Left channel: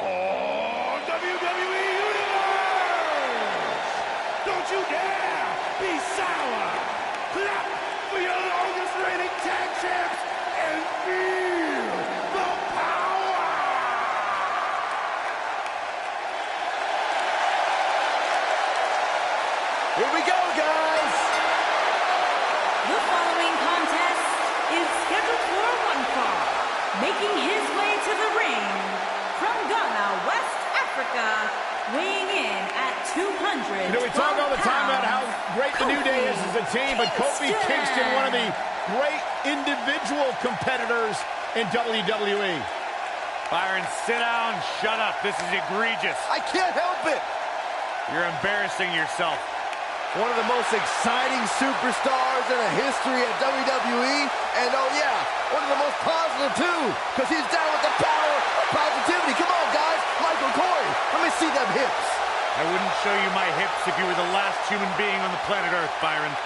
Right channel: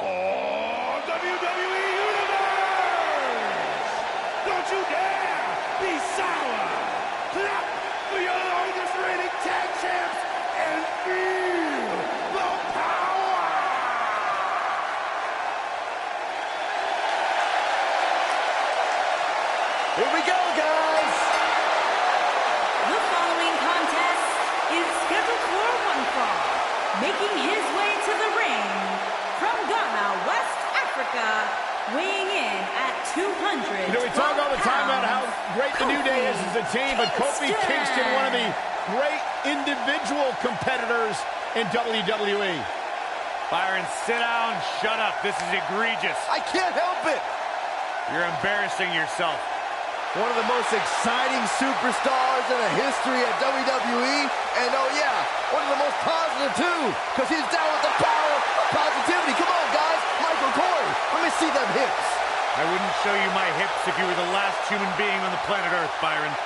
Oh, WWE Universe! Don't you dare be sour! Clap for your longest reigning tag champs and feel the power! Here we go, guys! The following contest is scheduled for one fall. Making his way to the ring from Ghana, West Africa, weighing in at 200. You know, we talk all the time about how great the New Day is as a team, but Kofi Kingston, one of the great individual competitors in WWE. Byron, sit down, shut up. This is egregious. I can't help it! You're embarrassing yourself. One of the most exciting superstars in the history of WWE, and oh yeah, one of the most positive too, because he's down with the power of positivity. Come on, guys, Michael Corey, let me see them hips. I wouldn't show you my hips if you were the last human being on the planet Earth, Byron.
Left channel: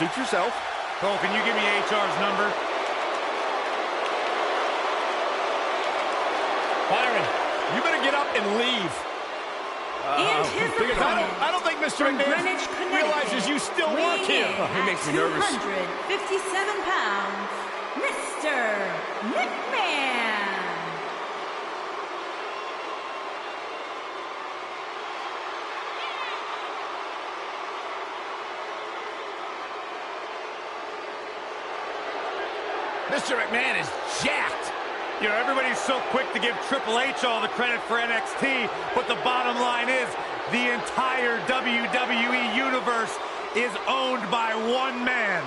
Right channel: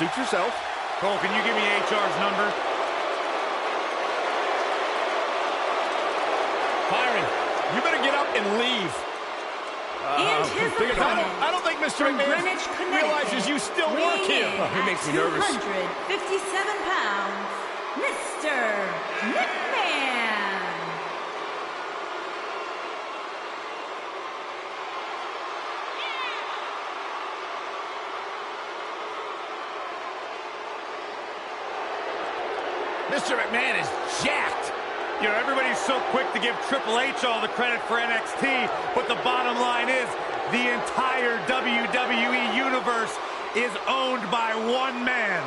Suit yourself. Cole, can you give me HR's number? Byron, you better get up and leave. And his opponent, I don't think Mr. McMahon realizes you still work here. He makes me nervous. 257 pounds, Mr. McMahon. Mr. McMahon is jacked. You know, everybody's so quick to give Triple H all the credit for NXT, but the bottom line is the entire WWE Universe is owned by one man.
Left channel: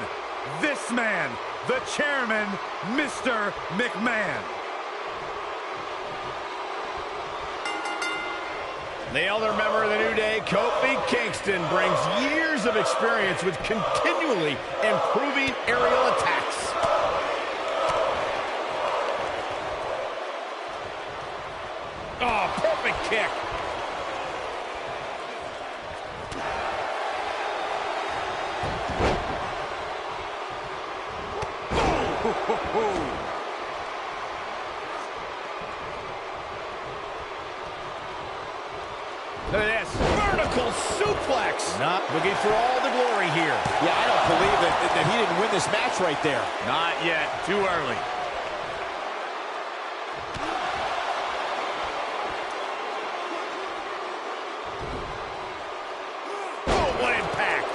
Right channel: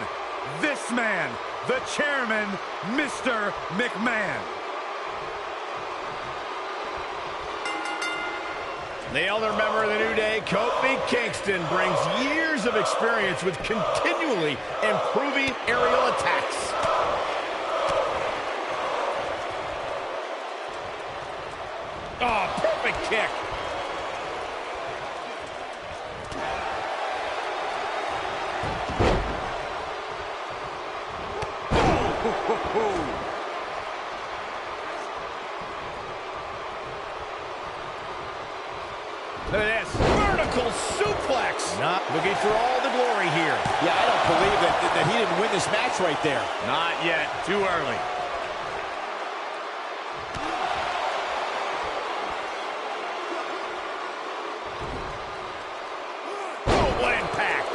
This man, the chairman, Mr. McMahon. The elder member of the New Day, Kofi Kingston, brings years of experience with continually improving aerial attacks. Oh, perfect kick. Look at this. Vertical suplex. Not looking for all the glory here. Yeah, I don't believe that he didn't win this match right there. Not yet. Too early. What impact!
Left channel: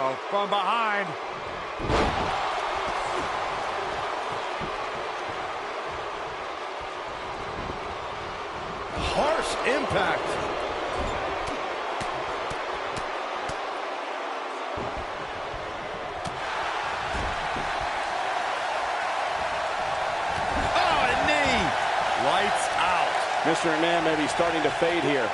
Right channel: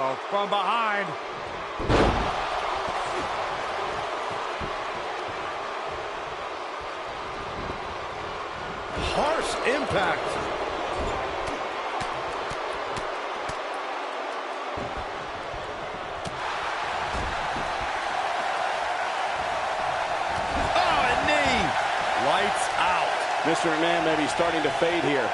Oh, from behind. Harsh impact. Oh, a knee! Lights out. Mr. McMahon may be starting to fade here.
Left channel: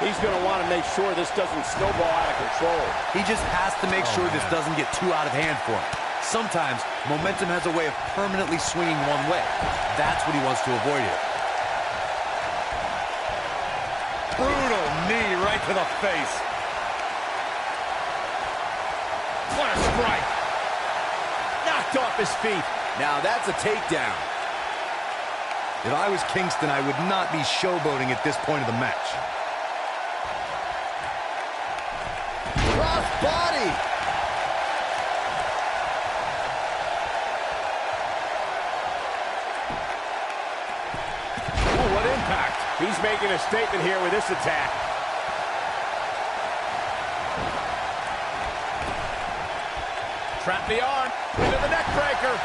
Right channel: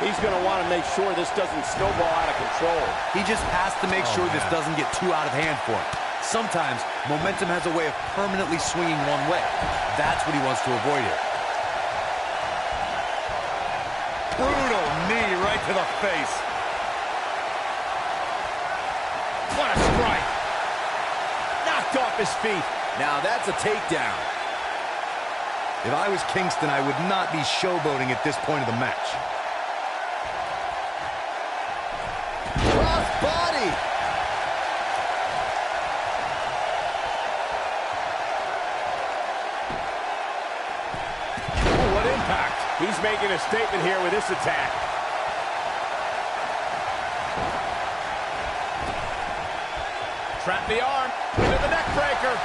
He's going to want to make sure this doesn't snowball out of control. He just has to make sure this doesn't get too out of hand for him. Sometimes, momentum has a way of permanently swinging one way. That's what he wants to avoid here. Brutal knee right to the face. What a strike! Knocked off his feet. Now that's a takedown. If I was Kingston, I would not be showboating at this point of the match. Cross body. Oh, what impact! He's making a statement here with this attack. Trap the arm into the neck breaker.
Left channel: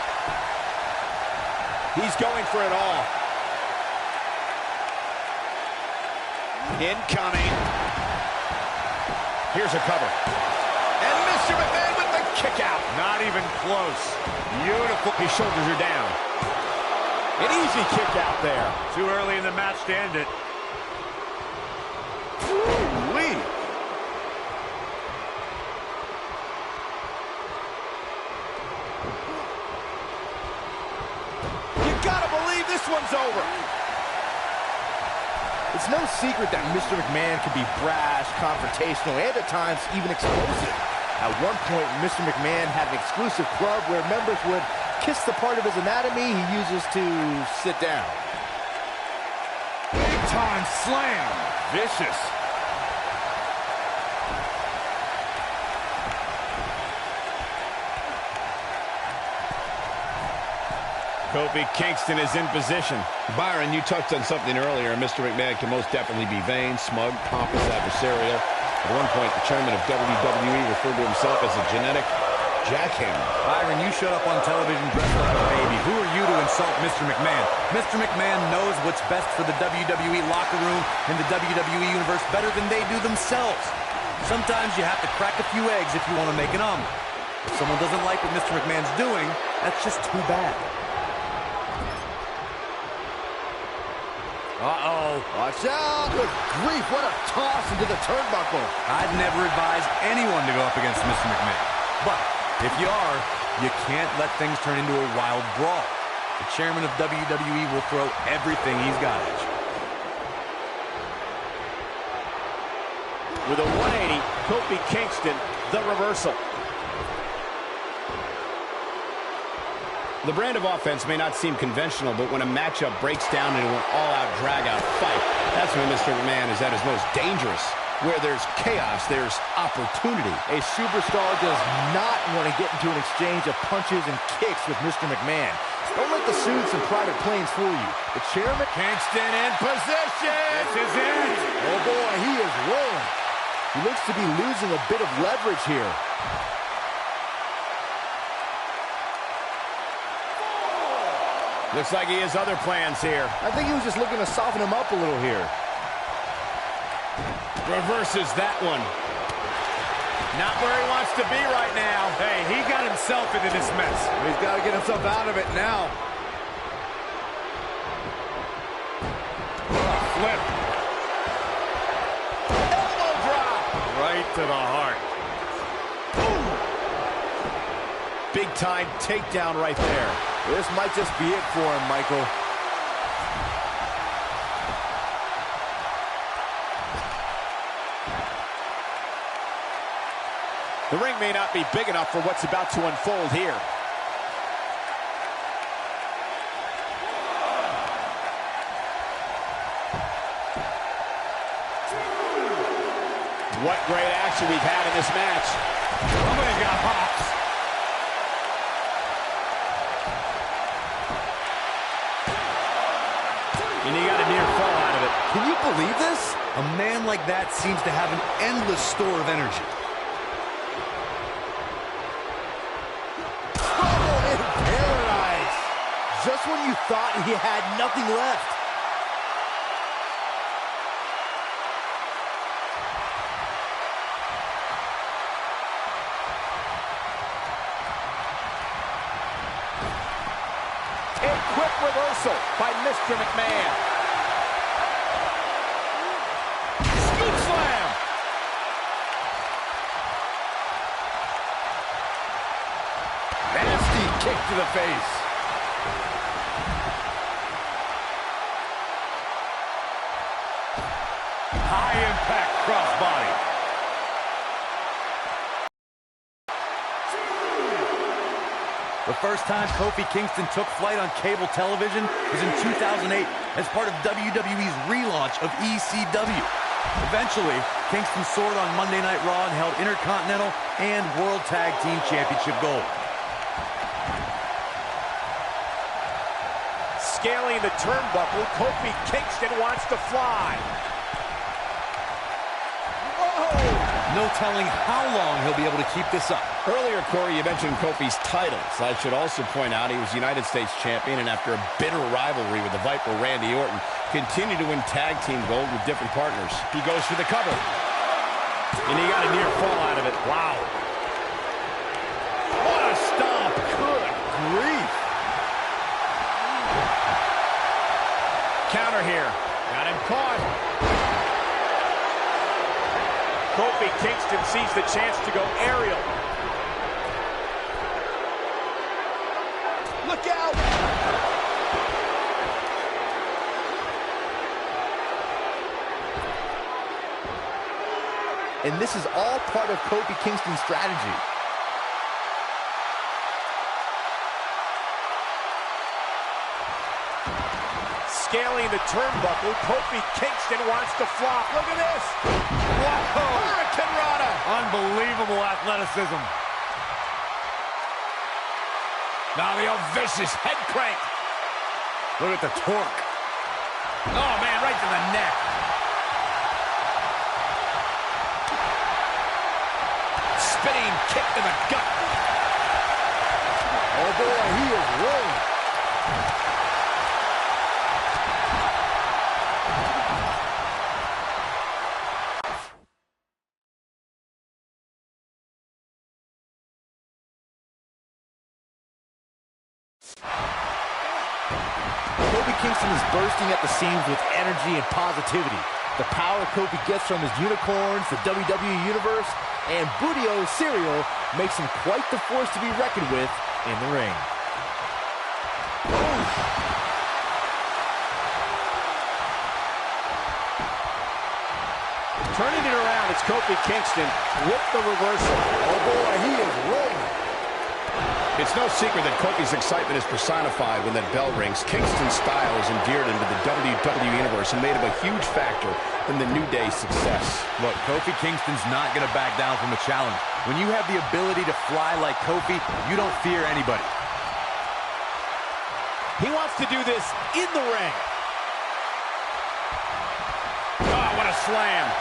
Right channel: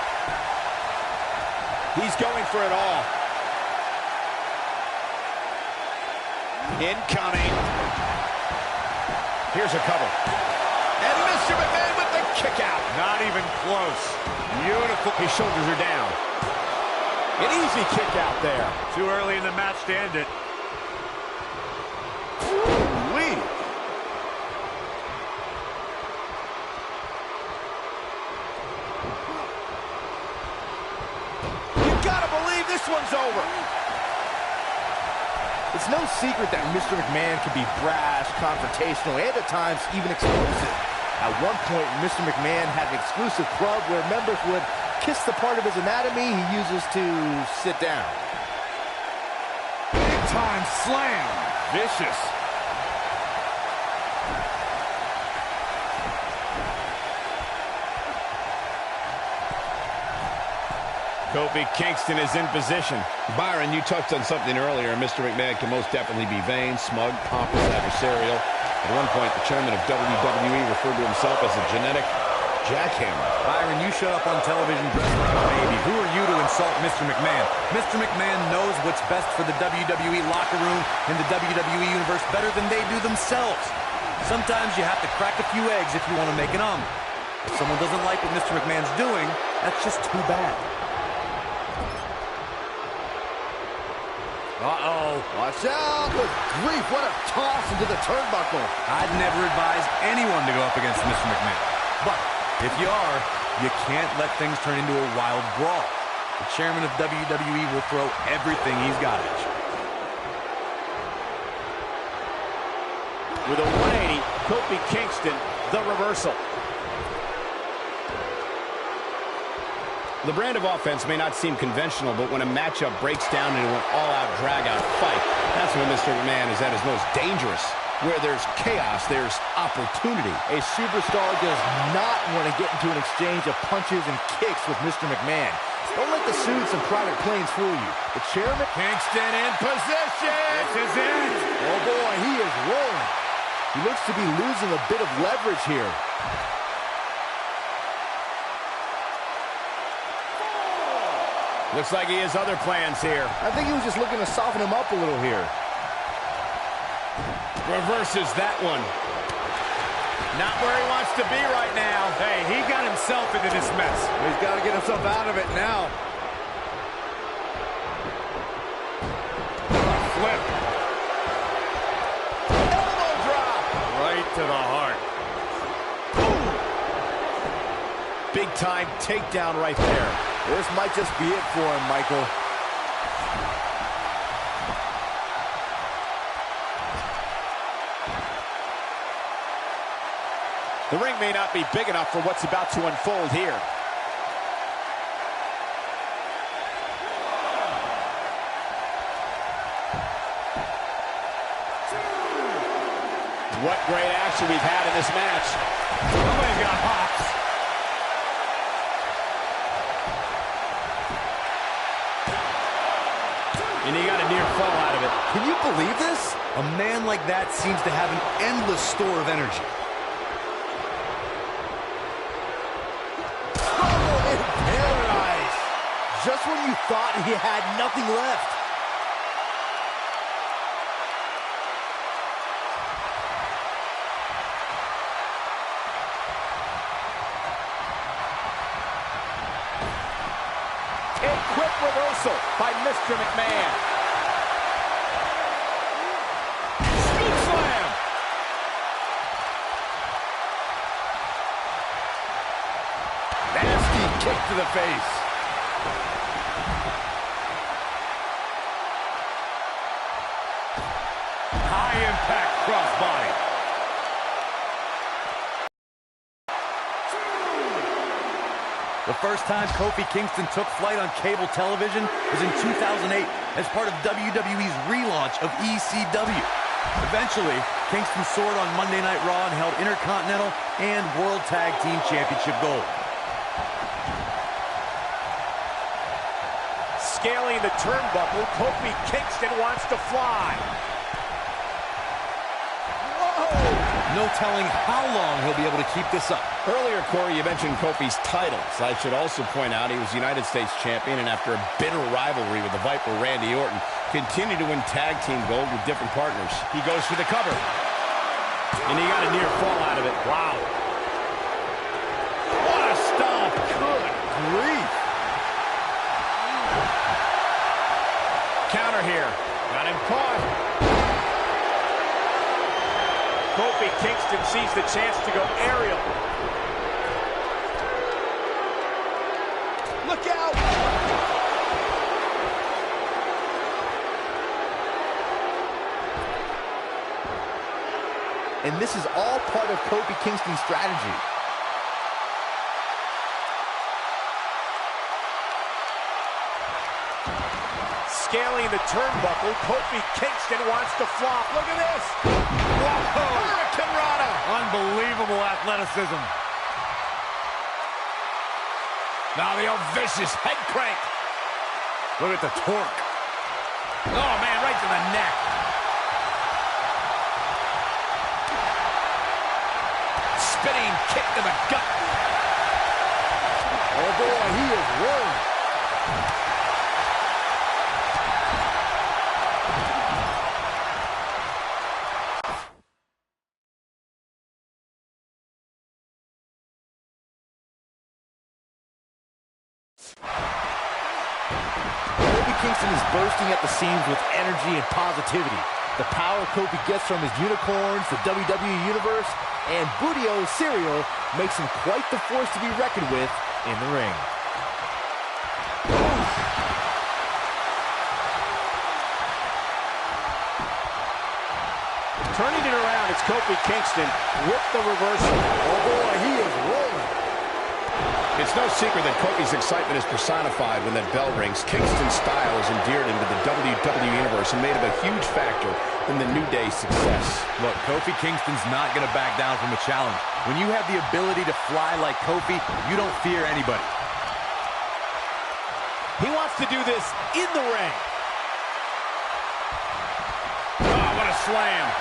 He's going for it all. Incoming. Here's a cover. And Mr. McMahon with the kick out. Not even close. Beautiful. His shoulders are down. An easy kick out there. Too early in the match to end it. Ooh-wee. You gotta believe this one's over. It's no secret that Mr. McMahon can be brash, confrontational, and at times even explosive. At one point, Mr. McMahon had an exclusive club where members would kiss the part of his anatomy he uses to sit down. Big time slam. Vicious. Kofi Kingston is in position. Byron, you touched on something earlier. Mr. McMahon can most definitely be vain, smug, pompous, adversarial. At one point, the chairman of WWE referred to himself as a genetic jackhammer. Byron, you showed up on television dressed like a baby. Who are you to insult Mr. McMahon? Mr. McMahon knows what's best for the WWE locker room and the WWE universe better than they do themselves. Sometimes you have to crack a few eggs if you want to make an omelet. If someone doesn't like what Mr. McMahon's doing, that's just too bad. Uh-oh. Watch out! Good grief, what a toss into the turnbuckle. I'd never advise anyone to go up against Mr. McMahon. But if you are, you can't let things turn into a wild brawl. The chairman of WWE will throw everything he's got at you. With a 180, Kofi Kingston, the reversal. The brand of offense may not seem conventional, but when a matchup breaks down into an all-out, drag-out fight, that's when Mr. McMahon is at his most dangerous. Where there's chaos, there's opportunity. A superstar does not want to get into an exchange of punches and kicks with Mr. McMahon. Don't let the suits and private planes fool you. The chairman... Kingston in position! This is it! Oh boy, he is rolling. He looks to be losing a bit of leverage here. Looks like he has other plans here. I think he was just looking to soften him up a little here. Reverses that one. Not where he wants to be right now. Hey, he got himself into this mess. He's got to get himself out of it now. Flip. Elbow drop. Right to the heart. Big time takedown right there. This might just be it for him, Michael. The ring may not be big enough for what's about to unfold here. What great action we've had in this match. Somebody's got hops. And he got a near fall out of it. Can you believe this? A man like that seems to have an endless store of energy. Trouble in paradise. Just when you thought he had nothing left. A quick reversal by Mr. McMahon. Scoop slam. Nasty kick to the face. High impact crossbody. The first time Kofi Kingston took flight on cable television was in 2008 as part of WWE's relaunch of ECW. Eventually, Kingston soared on Monday Night Raw and held Intercontinental and World Tag Team Championship gold. Scaling the turnbuckle, Kofi Kingston wants to fly. Whoa! No telling how long he'll be able to keep this up. Earlier, Corey, you mentioned Kofi's titles. I should also point out he was United States champion, and after a bitter rivalry with the Viper Randy Orton, continued to win tag team gold with different partners. He goes for the cover. And he got a near fall out of it. Wow. What a stomp. Good grief. Counter here. Got him caught. Kofi Kingston sees the chance to go aerial. Look out! And this is all part of Kofi Kingston's strategy. Scaling the turnbuckle, Kofi Kingston wants to flop. Look at this. Whoa! Hurricane Rana. Unbelievable athleticism. Now the old vicious head crank. Look at the torque. Oh, man, right to the neck. Spinning kick to the gut. Oh boy, he is rolling. Kofi Kingston is bursting at the seams with energy and positivity. The power Kofi gets from his unicorns, the WWE Universe, and Budio cereal makes him quite the force to be reckoned with in the ring. Turning it around, it's Kofi Kingston with the reversal. Oh boy, he is rolling. It's no secret that Kofi's excitement is personified when that bell rings. Kingston's style is endeared into the WWE Universe and made him a huge factor in the New Day's success. Look, Kofi Kingston's not going to back down from a challenge. When you have the ability to fly like Kofi, you don't fear anybody. He wants to do this in the ring. Oh, what a slam.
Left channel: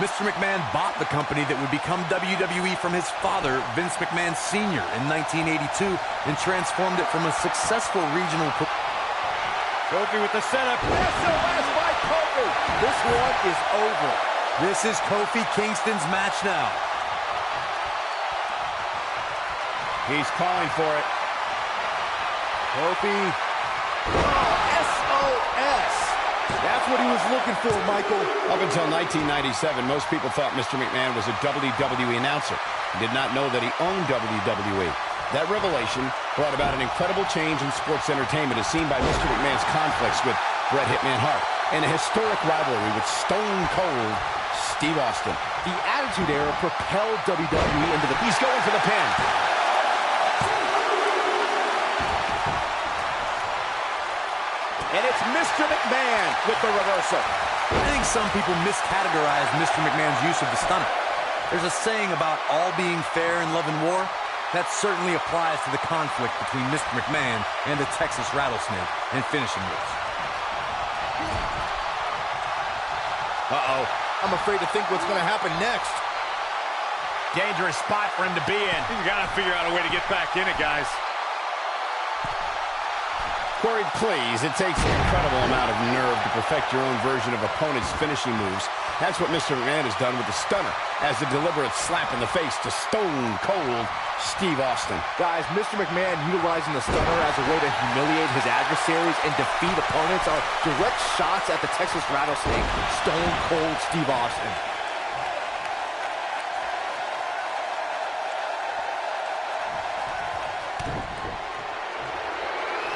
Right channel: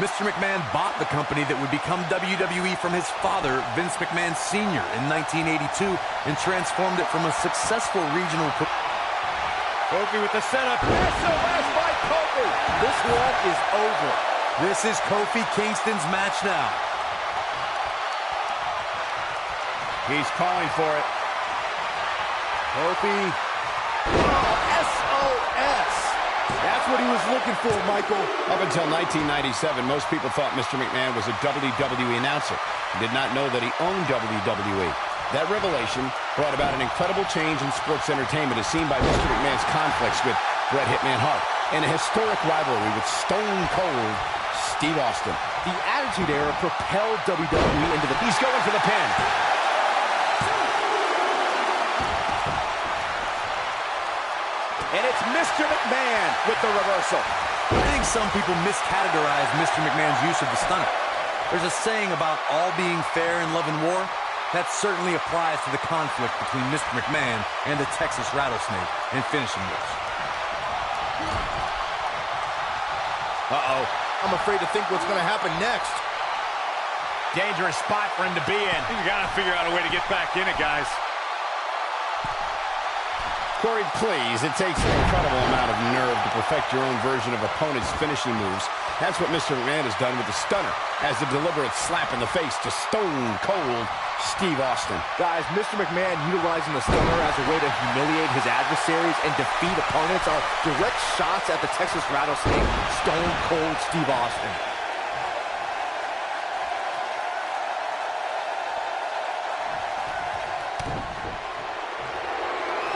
Mr. McMahon bought the company that would become WWE from his father, Vince McMahon Sr. in 1982 and transformed it from a successful regional... Kofi with the setup. SOS by Kofi. This one is over. This is Kofi Kingston's match now. He's calling for it. Kofi. Oh, SOS. That's what he was looking for, Michael. Up until 1997, most people thought Mr. McMahon was a WWE announcer and did not know that he owned WWE. That revelation brought about an incredible change in sports entertainment as seen by Mr. McMahon's conflicts with Bret Hitman Hart and a historic rivalry with Stone Cold Steve Austin. The Attitude Era propelled WWE into the... He's going for the pin. And it's Mr. McMahon with the reversal. I think some people miscategorize Mr. McMahon's use of the stunner. There's a saying about all being fair in love and war. That certainly applies to the conflict between Mr. McMahon and the Texas Rattlesnake and finishing moves. Uh-oh. I'm afraid to think what's going to happen next. Dangerous spot for him to be in. He's got to figure out a way to get back in it, guys. Corey, please, it takes an incredible amount of nerve to perfect your own version of opponent's finishing moves. That's what Mr. McMahon has done with the stunner, as a deliberate slap in the face to Stone Cold Steve Austin. Guys, Mr. McMahon utilizing the stunner as a way to humiliate his adversaries and defeat opponents are direct shots at the Texas Rattlesnake, Stone Cold Steve Austin.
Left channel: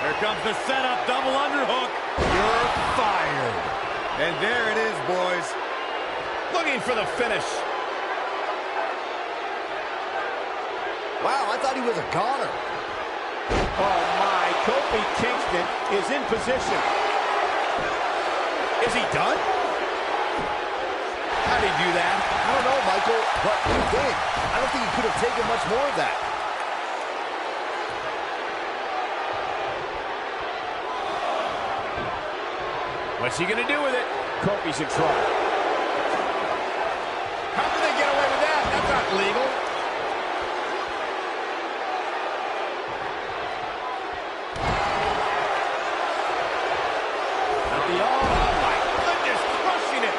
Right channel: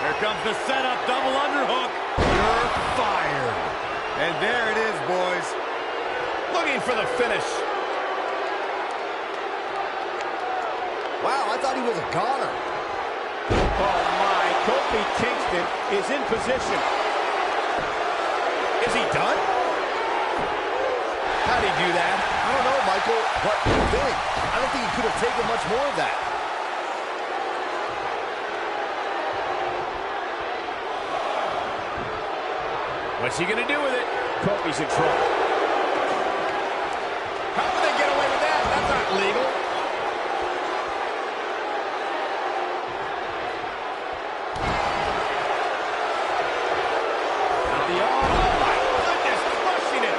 Here comes the setup, double underhook. You're fired. And there it is, boys. Looking for the finish. Wow, I thought he was a goner. Oh my, Kofi Kingston is in position. Is he done? How'd he do that? I don't know, Michael, but you think? I don't think he could have taken much more of that. What's he gonna do with it? Kofi's in trouble. How can they get away with that? That's not legal. Oh my goodness, crushing it.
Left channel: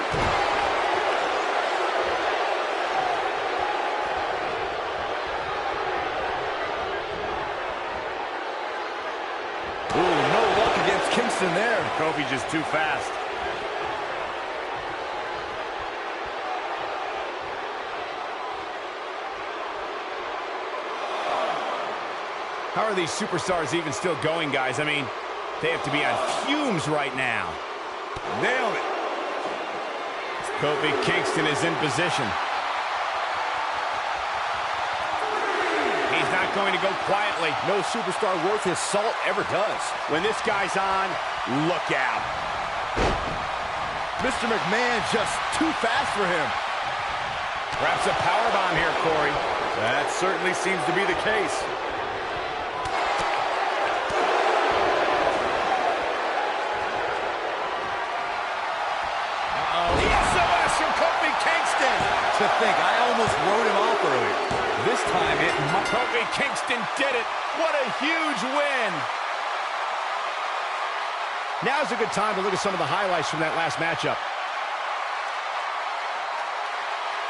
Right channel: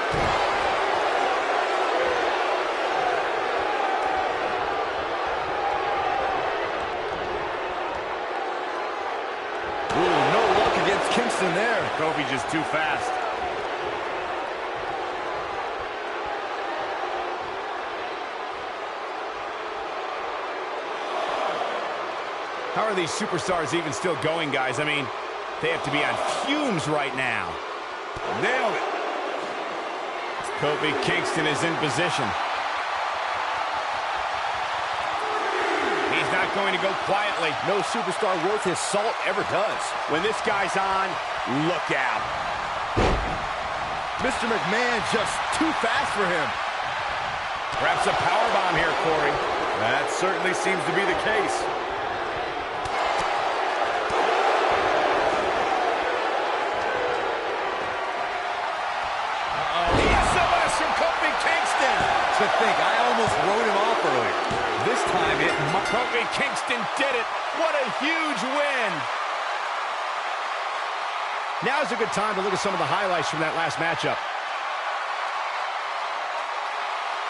Ooh, Kingston there. Kofi just too fast. How are these superstars even still going, guys? I mean, they have to be on fumes right now. Nailed it. Kofi Kingston is in position. He's not going to go quietly. No superstar worth his salt ever does. When this guy's on, look out. Mr. McMahon just too fast for him. Perhaps a powerbomb here, Corey. That certainly seems to be the case. SOS from Kofi Kingston. To think, I almost wrote him off earlier. This time it might. Kofi Kingston did it. What a huge win. Now's a good time to look at some of the highlights from that last matchup.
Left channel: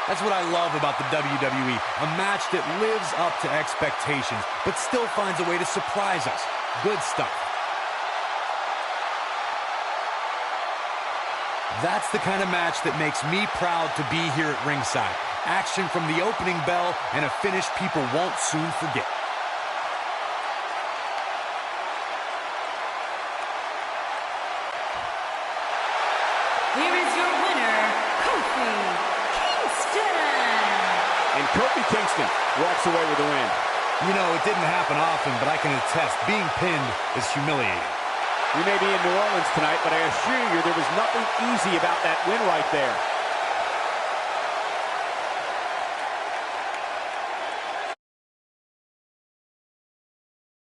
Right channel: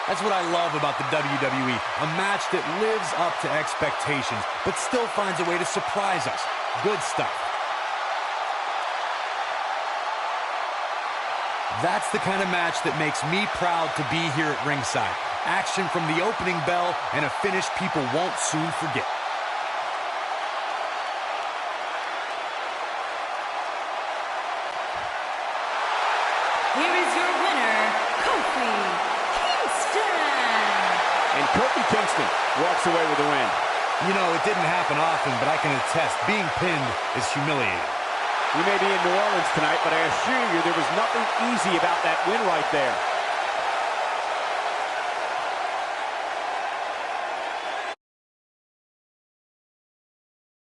That's what I love about the WWE. A match that lives up to expectations, but still finds a way to surprise us. Good stuff. That's the kind of match that makes me proud to be here at ringside. Action from the opening bell and a finish people won't soon forget. Here is your winner, Kofi Kingston. And Kofi Kingston walks away with the win. You know, it didn't happen often, but I can attest, being pinned is humiliating. We may be in New Orleans tonight, but I assure you there was nothing easy about that win right there.